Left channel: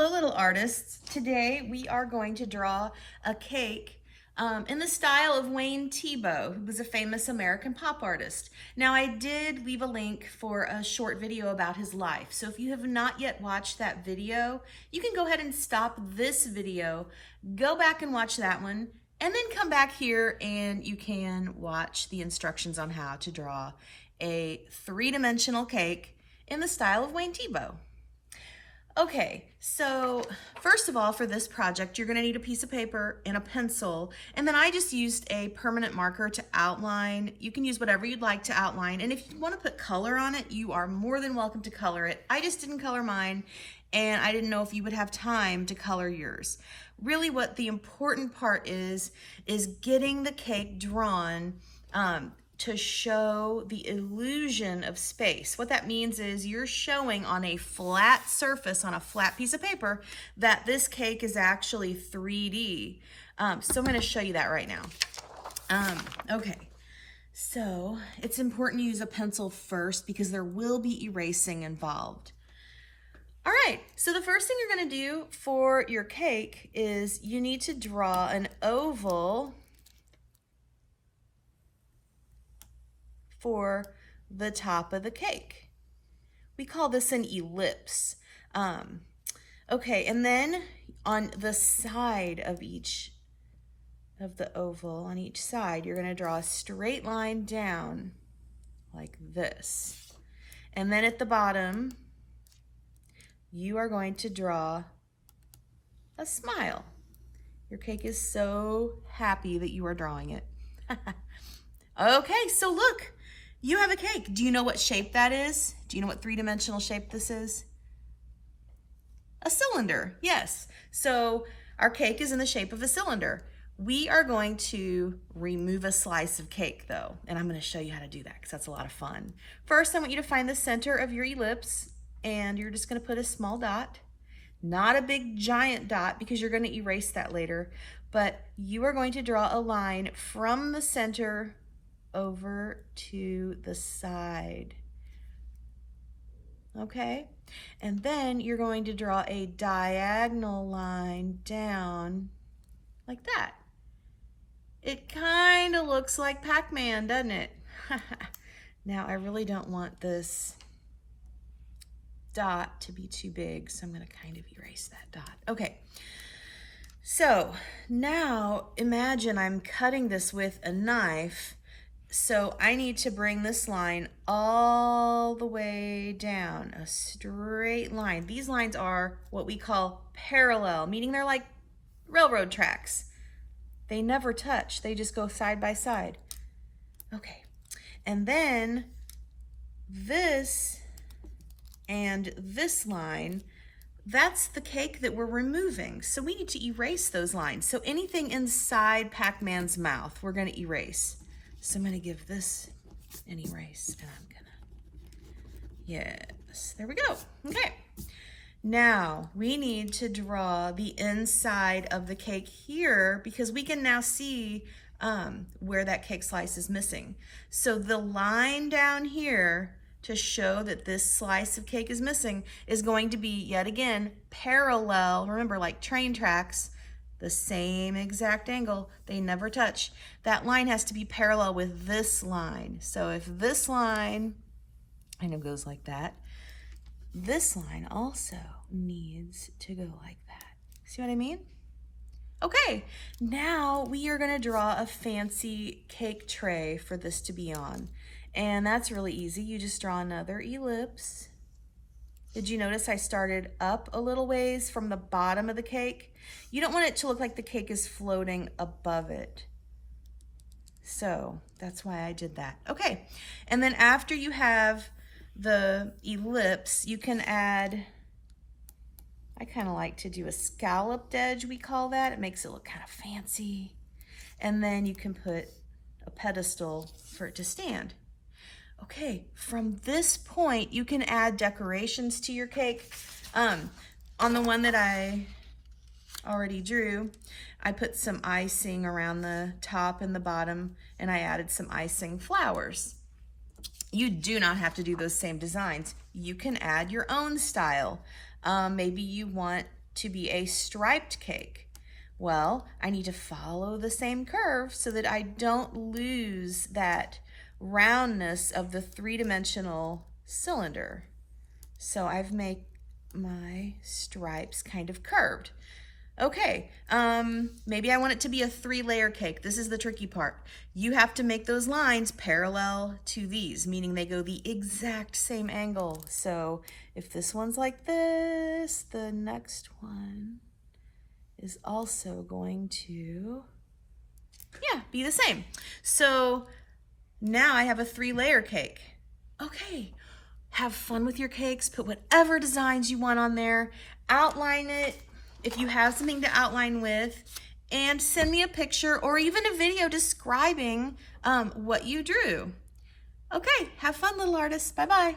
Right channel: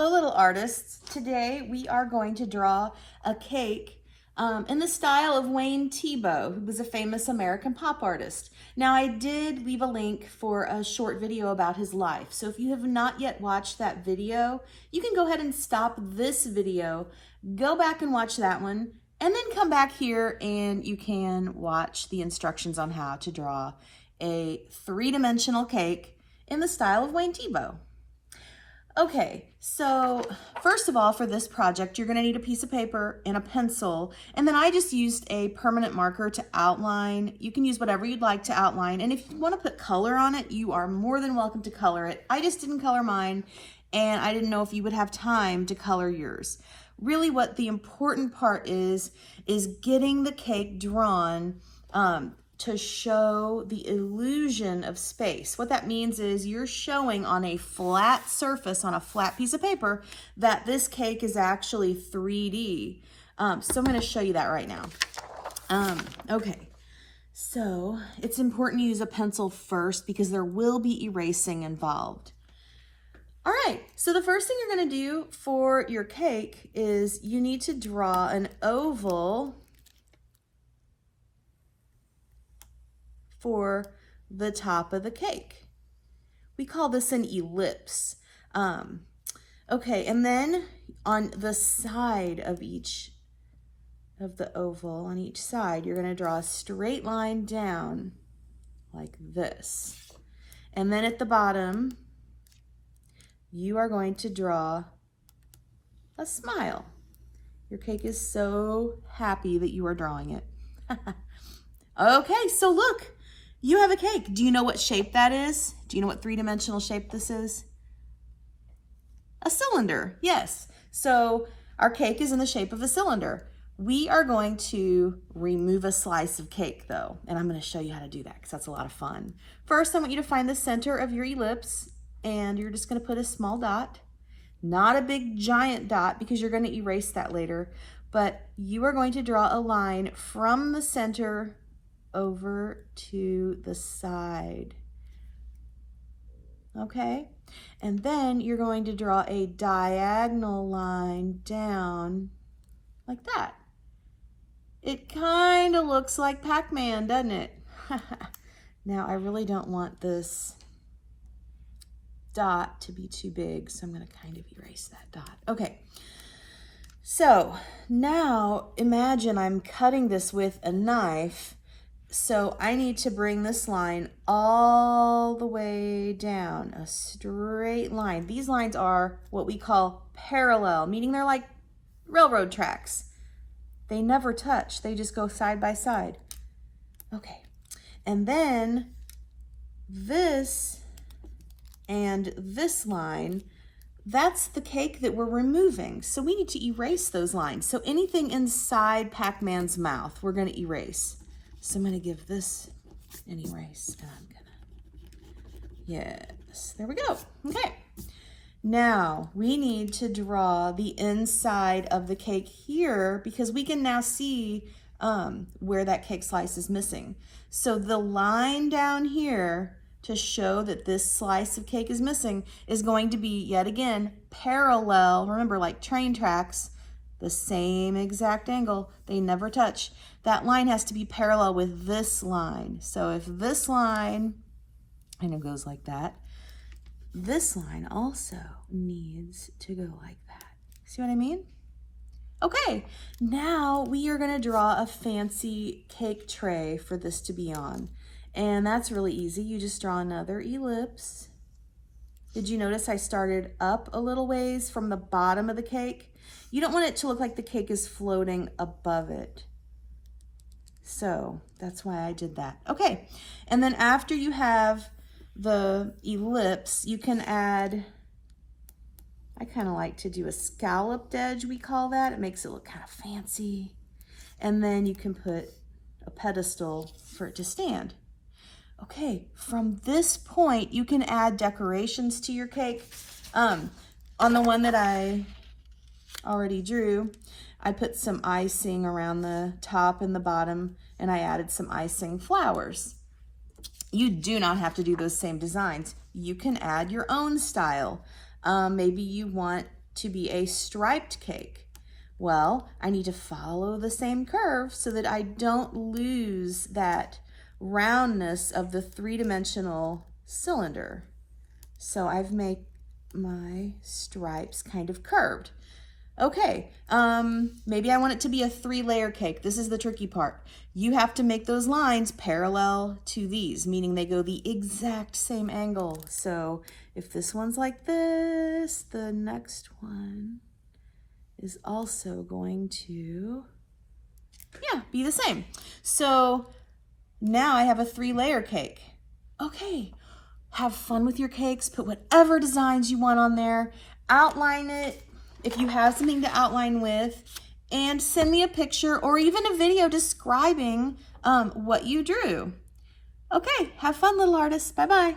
Hello, little artists. Today we are going to draw a cake in the style of Wayne Thiebaud, who was a famous American pop artist. Now, I did leave a link for a short video about his life. So if you have not yet watched that video, you can go ahead and stop this video, go back and watch that one, and then come back here and you can watch the instructions on how to draw a three-dimensional cake in the style of Wayne Thiebaud. Okay, so first of all, for this project, you're gonna need a piece of paper and a pencil, and then I just used a permanent marker to outline. You can use whatever you'd like to outline, and if you wanna put color on it, you are more than welcome to color it. I just didn't color mine, and I didn't know if you would have time to color yours. Really what the important part is getting the cake drawn to show the illusion of space. What that means is you're showing on a flat surface, on a flat piece of paper, that this cake is actually 3D. So I'm gonna show you that right now. Okay, so it's important to use a pencil first because there will be erasing involved. All right, so the first thing you're gonna do for your cake is you need to draw an oval for the top of the cake. We call this an ellipse. Okay, and then on the side of each of the oval, on each side, you're gonna draw a straight line down like this. And then at the bottom, you are going to draw a smile. Your cake is so happy that you are drawing it. Okay, so look. You have a cake. Do you know what shape that is? Do you know what three-dimensional shape this is? A cylinder, yes. So our cake is in the shape of a cylinder. We are going to remove a slice of cake though, and I'm gonna show you how to do that because that's a lot of fun. First, I want you to find the center of your ellipse and you're just gonna put a small dot, not a big giant dot because you're gonna erase that later, but you are going to draw a line from the center over to the side, okay? And then you're going to draw a diagonal line down like that. It kind of looks like Pac-Man, doesn't it? Now, I really don't want this dot to be too big, so I'm gonna kind of erase that dot. Okay, so now imagine I'm cutting this with a knife. So I need to bring this line all the way down, a straight line. These lines are what we call parallel, meaning they're like railroad tracks. They never touch, they just go side by side. Okay, and then this and this line, that's the cake that we're removing. So we need to erase those lines. So anything inside Pac-Man's mouth, we're gonna erase. So I'm gonna give this an erase, and I'm gonna, yes, there we go. Okay, now we need to draw the inside of the cake here because we can now see where that cake slice is missing. So the line down here to show that this slice of cake is missing is going to be, yet again, parallel. Remember, like train tracks, the same exact angle, they never touch. That line has to be parallel with this line. So if this line kind of goes like that, this line also needs to go like that. See what I mean? Okay, now we are gonna draw a fancy cake tray for this to be on. And that's really easy. You just draw another ellipse. Did you notice I started up a little ways from the bottom of the cake? You don't want it to look like the cake is floating above it. So that's why I did that. Okay, and then after you have the ellipse, you can add, I kind of like to do a scalloped edge, we call that. It makes it look kind of fancy. And then you can put a pedestal for it to stand. Okay, from this point, you can add decorations to your cake. On the one that I already drew, I put some icing around the top and the bottom, and I added some icing flowers. You do not have to do those same designs. You can add your own style. Maybe you want to be a striped cake? Well, I need to follow the same curve so that I don't lose that roundness of the three-dimensional cylinder. So I've made my stripes kind of curved. Okay, maybe I want it to be a 3-layer cake. This is the tricky part. You have to make those lines parallel to these, meaning they go the exact same angle. So if this one's like this, the next one is also going to, be the same. So now I have a 3-layer cake. Okay, have fun with your cakes. Put whatever designs you want on there. Outline it if you have something to outline with, and send me a picture or even a video describing what you drew. Okay, have fun, little artists. Bye-bye.